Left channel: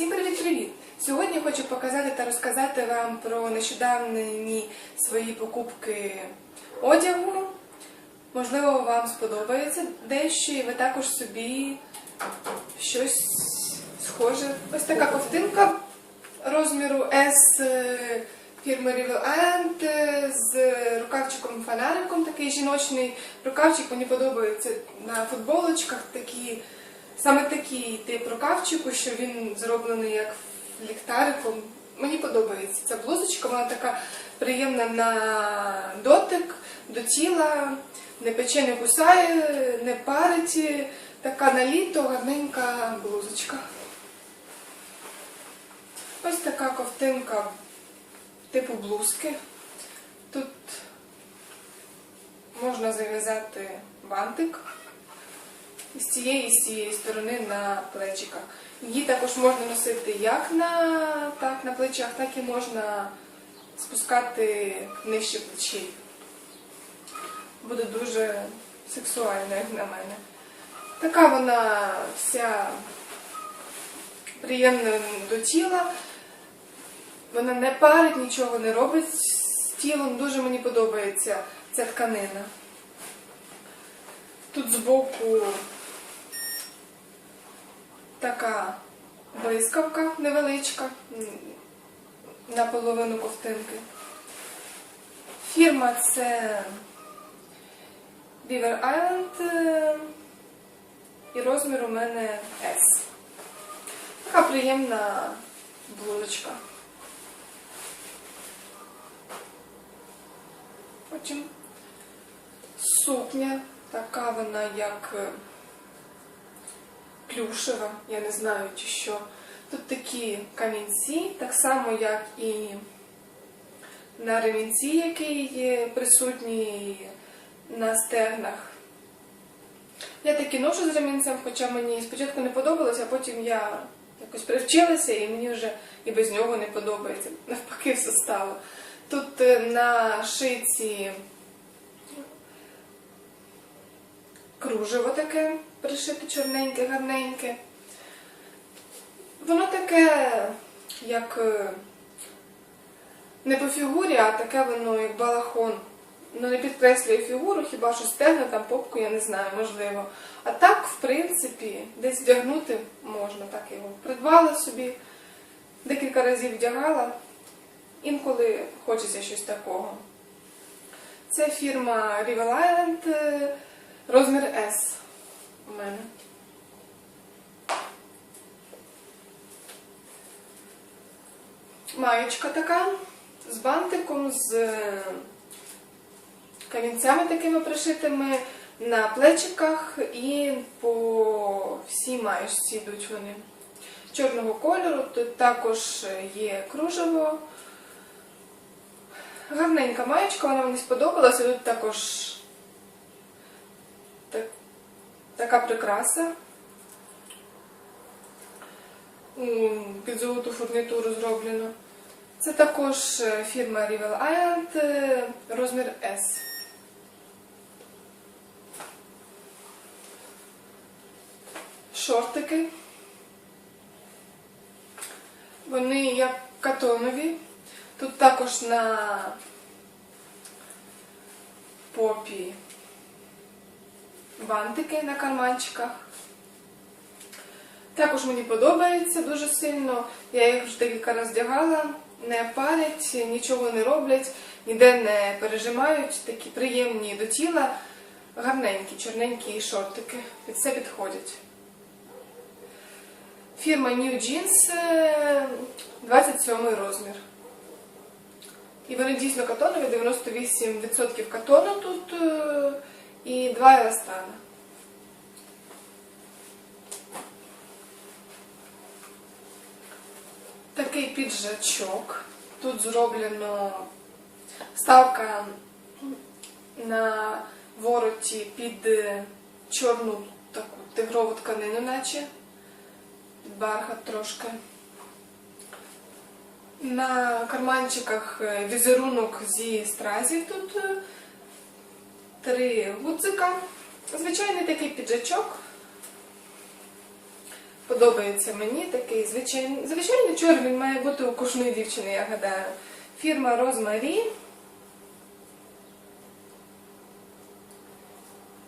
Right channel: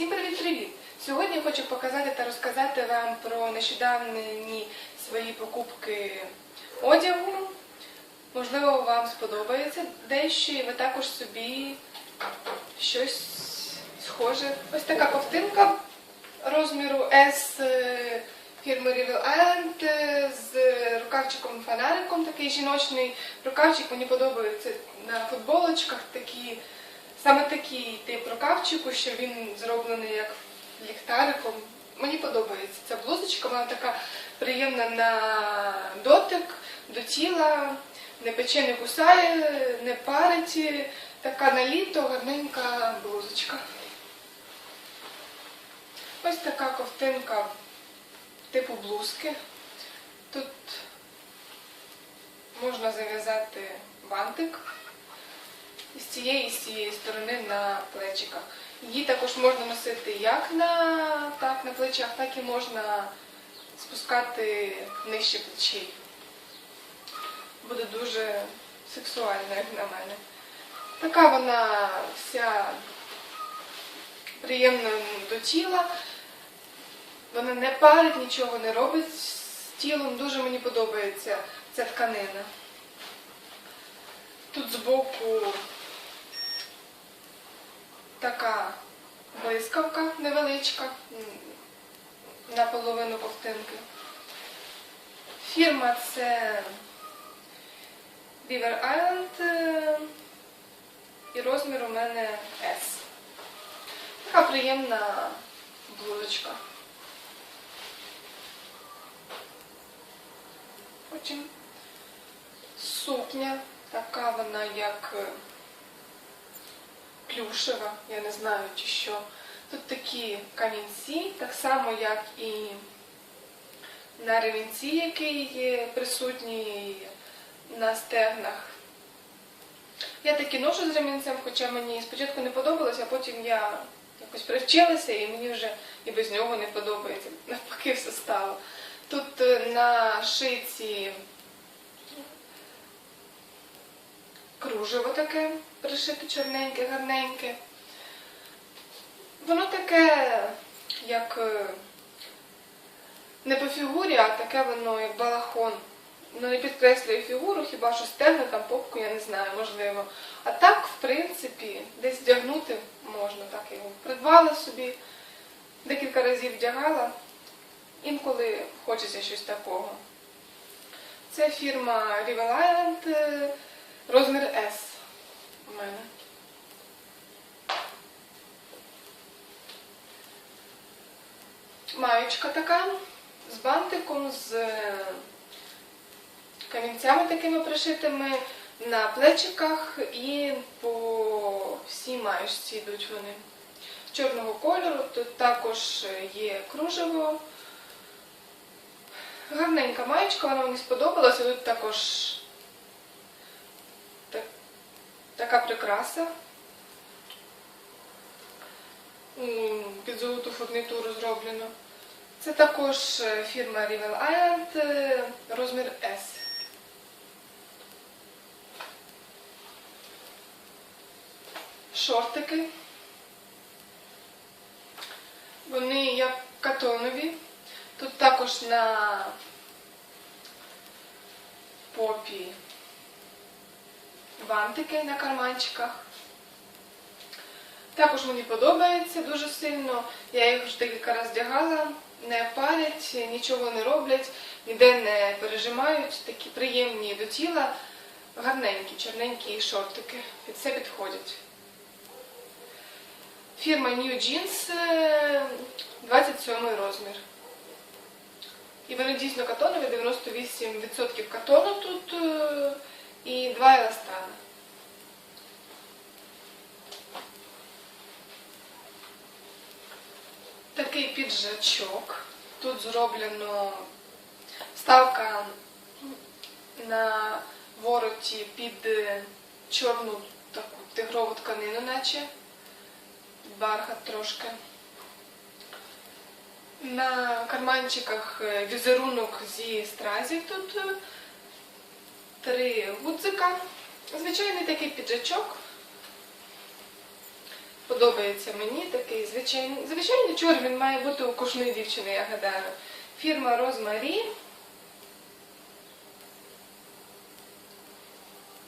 Всім привіт-привіт! Сьогодні хочу показати та розказати вам про нещодавні свої покупки одягу. Можливо, вам сподобається дещо, і ви також собі щось схоже. Ось така ковтинка розміру S е, фірми Rivel Island е, з рукавчиком фонариком, такий жіночний рукавчик. Мені подобається на футболочках такі. Саме такий тип рукавчику, що він зроблений як ліхтариком. Мені подобається ця блузочка, вона така приємна на дотик, до тіла, не пече, не кусає, не парить. Така на літо гарненька блузочка. Ось така ковтинка типу блузки. Тут можна зав'язати бантик з цієї і з цієї сторони на плечика. Її також можна носити як на, так, на плечах, так і можна спускати нижче плечей. Буде дуже сексуально, як на мене. Така вона вся приємна до тіла. Вона не парить, нічого не робить з тілом. Дуже мені подобається ця тканина. Тут збоку така блискавка невеличка на половину ковтинки. Фірма це Beaver Island е, і розмір у мене S. Така приємна блузочка. Потім сукня, така вона як е, плюшева, я не знаю чи що. Тут такі камінці, так само, як і на ремінці, який є присутній на стегнах. Я такі ношу з ремінцем, хоча мені спочатку не подобалося, а потім я якось привчилася і мені вже і без нього не подобається. Навпаки, все стало. Тут е, на шиці кружево таке пришите чорненьке, гарненьке. Воно таке, як е, не по фігурі, а таке воно як балахон. Ну не підкреслює фігуру, хіба що стегна, там попку, я не знаю, можливо. А так, в принципі, десь вдягнути можна, так його придбала собі, декілька разів вдягала. Інколи хочеться щось такого. Це фірма Rival Island, е, розмір S у мене. Маєчка така з бантиком, з е, камінцями такими пришитими на плечиках і по всій маєчці йдуть вони. Чорного кольору, тут також є кружево. Гарненька маєчка, вона мені сподобалася. Тут також так- така прикраса. Під золоту фурнітуру зроблено. Це також е, фірма Rival Island, е, розмір S. Шортики. Вони як катонові. Тут також на попі бантики на карманчиках. Також мені подобається дуже сильно. Я їх вже декілька разів вдягала, не палять, нічого не роблять, ніде не пережимають, такі приємні до тіла, гарненькі, чорненькі шортики. Під все підходять. Фірма New Jeans, е, 27 розмір. І вони дійсно катонові, 98% катону тут і 2 еластана. Такий піджачок. Тут зроблено вставка на вороті під е, чорну таку тигрову тканину, наче бархат трошки. На карманчиках е, візерунок зі стразів тут е, три гудзика. Звичайний такий піджачок. Подобається мені такий звичайний. Звичайний чор він має бути у кожної дівчини, я гадаю. Фірма Розмарі.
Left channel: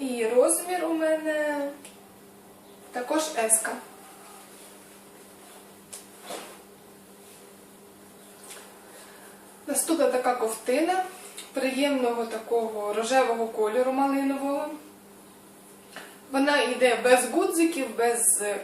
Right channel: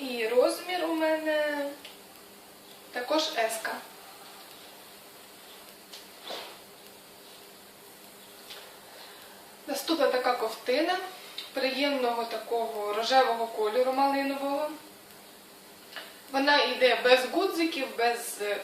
І розмір у мене також еска. Наступна така ковтина приємного такого рожевого кольору малинового. Вона йде без гудзиків, без е,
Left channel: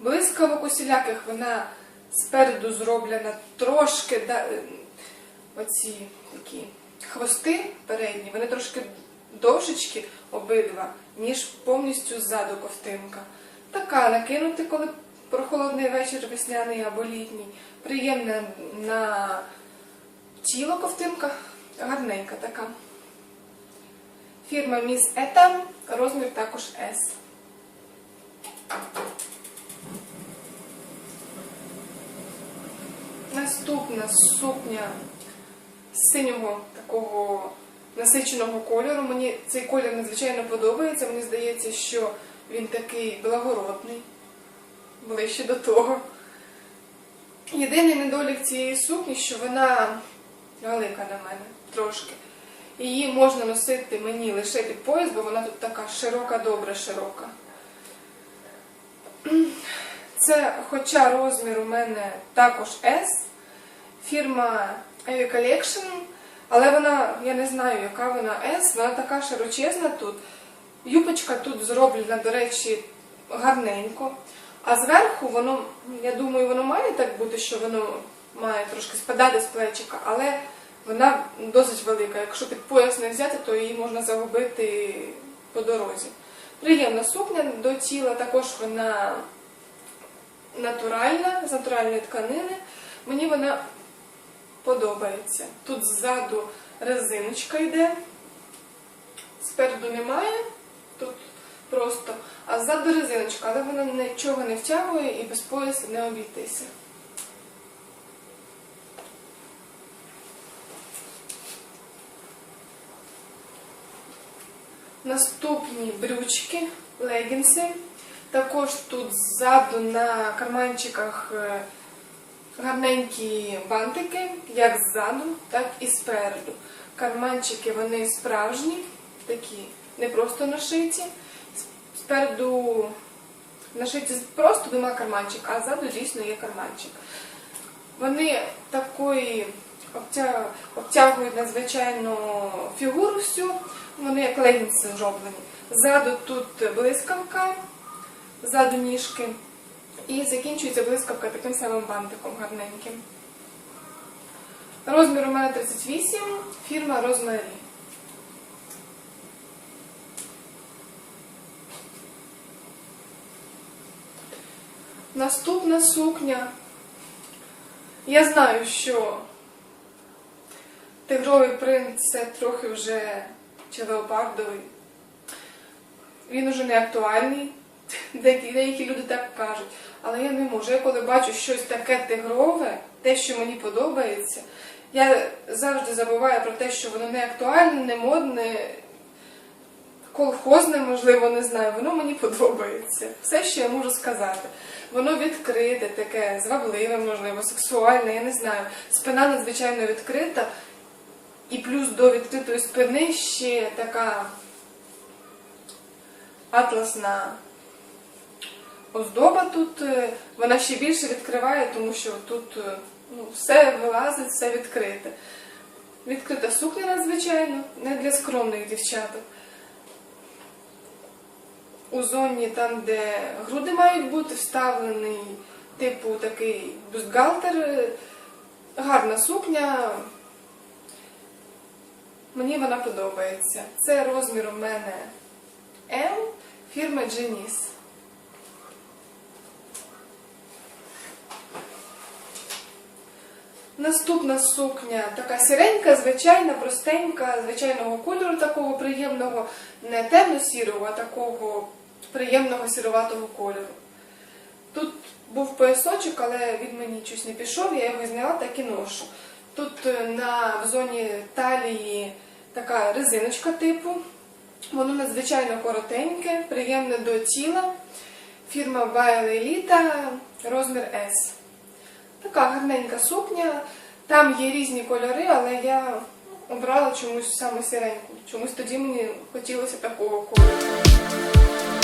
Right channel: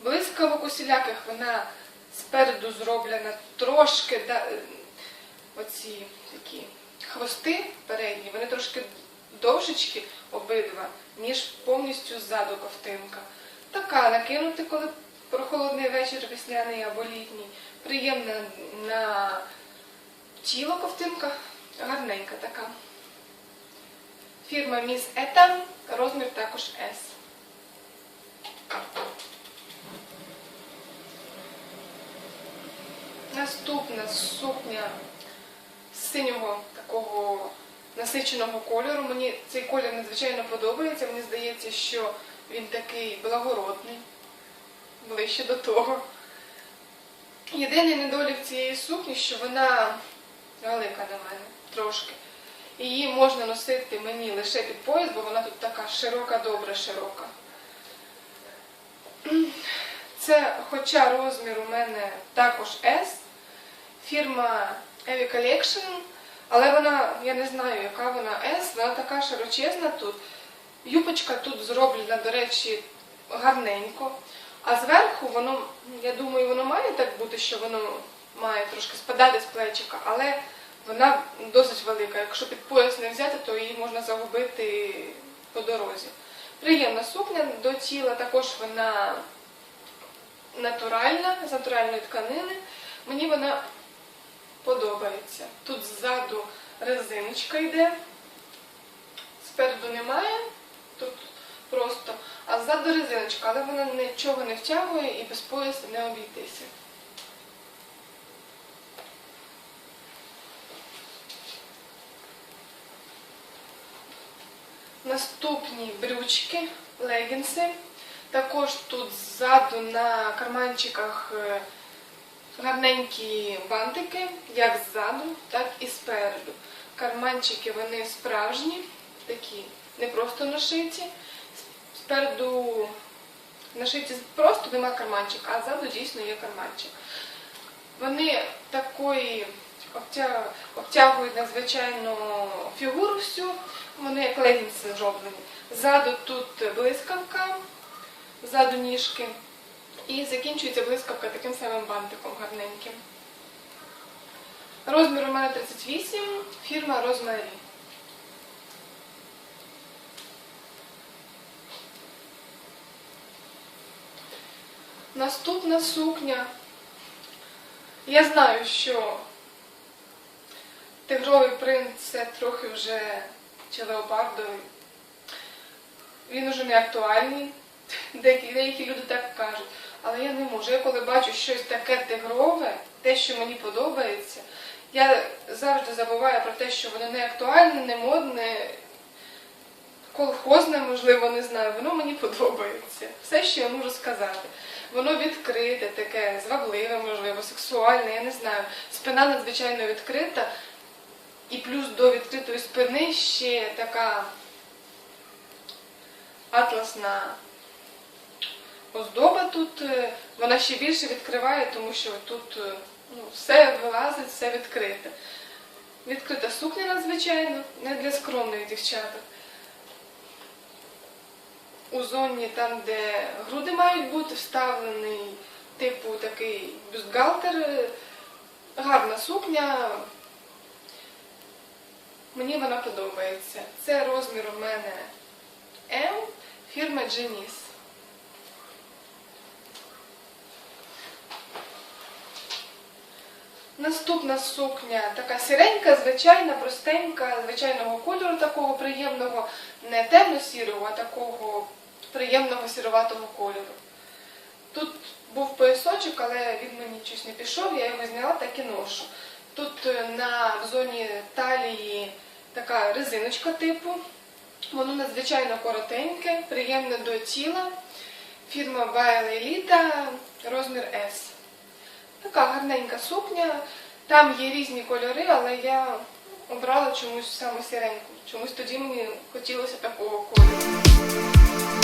блискавок усіляких. Вона спереду зроблена трошки да, е, оці такі хвости передні, вони трошки довшечки обидва, ніж повністю ззаду ковтинка. Така накинути, коли прохолодний вечір весняний або літній. Приємна на тіло ковтинка, гарненька така. Фірма Міс Ета, розмір також S. Наступна сукня синього такого насиченого кольору. Мені цей колір надзвичайно подобається. Мені здається, що він такий благородний, ближче до того. Єдиний недолік цієї сукні, що вона велика на мене трошки. Її можна носити мені лише під пояс, бо вона тут така широка, добре широка. Це, хоча розмір у мене також S, фірма Evi Collection, але вона, я не знаю, яка вона S, вона така широчезна тут. Юбочка тут зроблена, до речі, гарненько. А зверху воно, я думаю, воно має так бути, що воно має трошки спадати з плечика, але вона досить велика. Якщо під пояс не взяти, то її можна загубити по дорозі. Приємна сукня до тіла, також вона натуральна, з натуральної тканини. Мені вона подобається. Тут ззаду резиночка йде, спереду немає, тут просто, а ззаду резиночка, але вона нічого не втягує і без пояса не обійтися. Наступні брючки, легінси. Також тут ззаду на карманчиках е, гарненькі бантики, як ззаду, так і спереду. Карманчики вони справжні, такі, не просто нашиті. Спереду нашиті просто нема карманчика, а ззаду дійсно є карманчик. Вони такої обтягують надзвичайно фігуру всю, вони як легінси зроблені. Ззаду тут блискавка, ззаду ніжки. І закінчується блискавка таким самим бантиком гарненьким. Розмір у мене 38, фірма Розмарі. Наступна сукня. Я знаю, що тигровий принц це трохи вже чи леопардовий. Він уже не актуальний. Деякі, деякі люди так кажуть. Але я не можу. Я коли бачу щось таке тигрове, те, що мені подобається, я завжди забуваю про те, що воно не актуальне, не модне, колхозне, можливо, не знаю. Воно мені подобається. Все, що я можу сказати. Воно відкрите, таке, звабливе, можливо, сексуальне, я не знаю. Спина надзвичайно відкрита. І плюс до відкритої спини ще така атласна оздоба тут, е, вона ще більше відкриває, тому що тут е, ну, все вилазить, все відкрите. Відкрита сукня надзвичайно, не для скромних дівчаток. У зоні там, де груди мають бути, вставлений типу такий бюстгальтер, е, гарна сукня. Мені вона подобається. Це розмір у мене М, фірма Дженіс. Наступна сукня така сіренька, звичайна, простенька, звичайного кольору такого приємного, не темно-сірого, а такого приємного сіроватого кольору. Тут був поясочок, але він мені щось не пішов, я його зняла так і ношу. Тут е, на в зоні талії така резиночка типу. Воно надзвичайно коротеньке, приємне до тіла. Фірма Еліта, розмір S. Така гарненька сукня. Там є різні кольори, але я обрала чомусь саме сіреньку. Чомусь тоді мені хотілося такого кольору.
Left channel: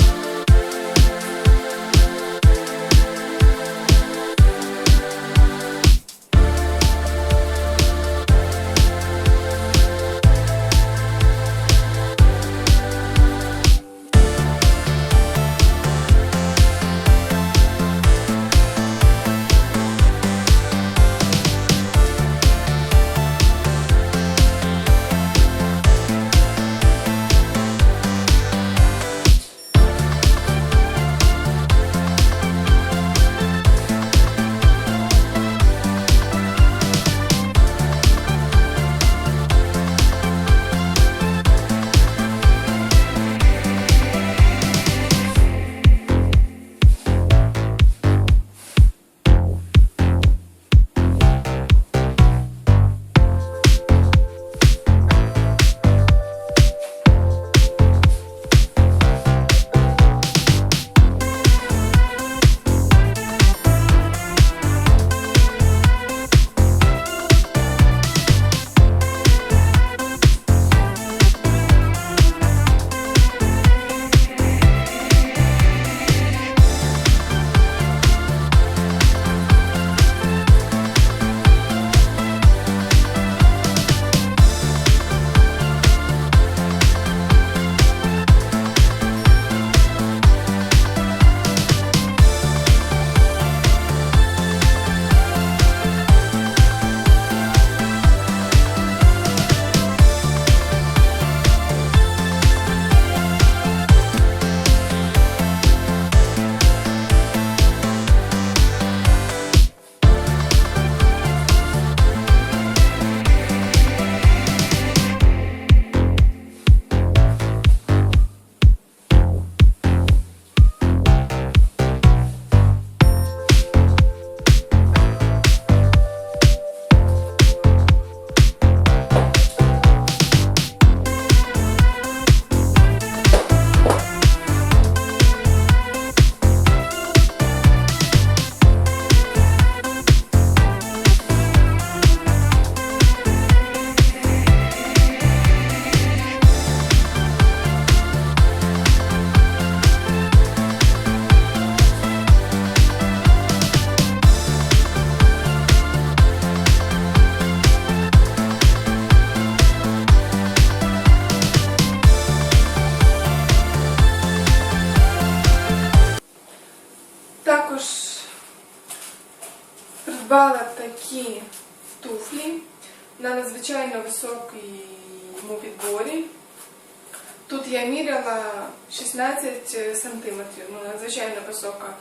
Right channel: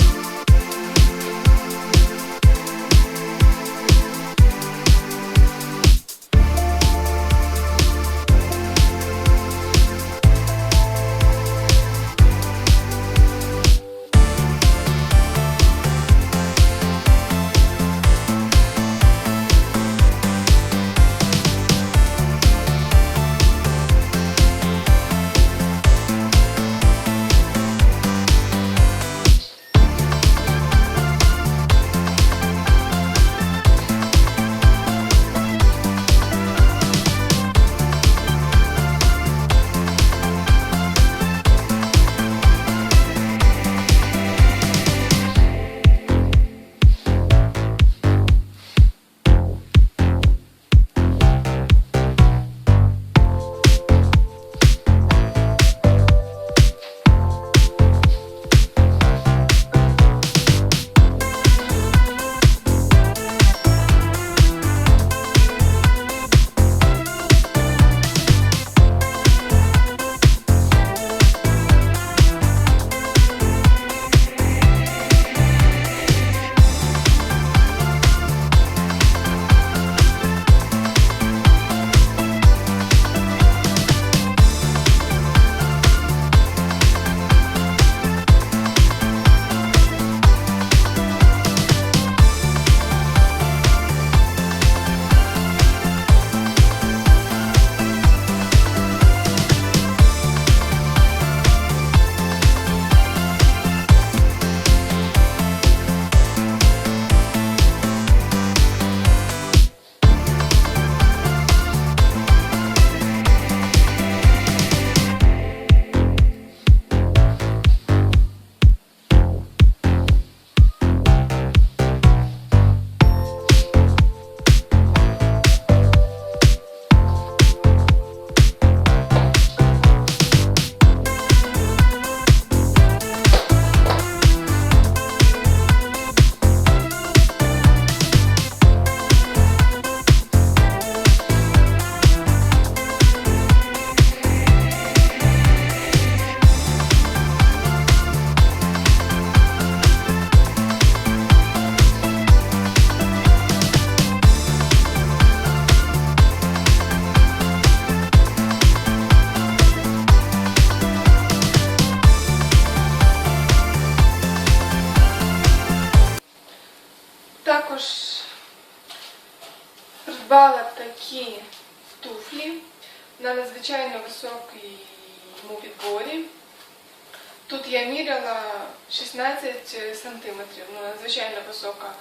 Тут я міряла 16 сантиметрів, ну, надзвичайно висока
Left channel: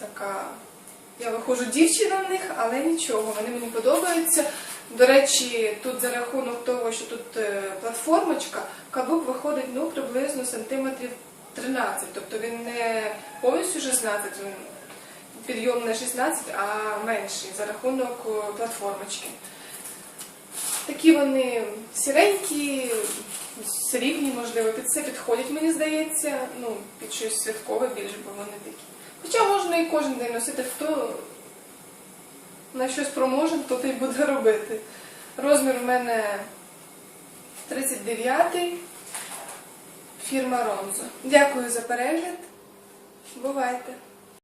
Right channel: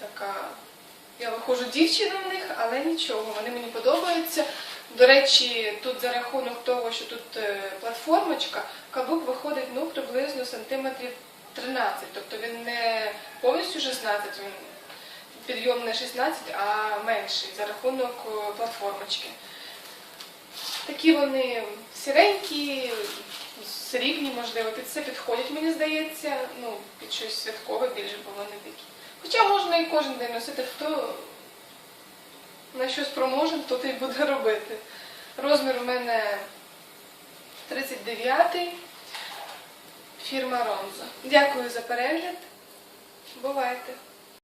така. Я виходжу дівчина в них, але нічого, вони мені подобаються. До речі, тут за рахунок того, що тут е, платформочка, каблук виходить ну, приблизно сантиметрів 13. Тобто він не повністю 16, він підйом не 16, а менший за рахунок е, платформочки. Такі вони сіренькі, срібні, можливо, під це підходять, мені здається, ну, під щось святкове більше, бо вони такі. Хоча можна і кожен день носити, хто на щось спроможен, то й буде робити. Розмір у мене 39-й, фірма Ронзо. Дякую за перегляд. Бувайте!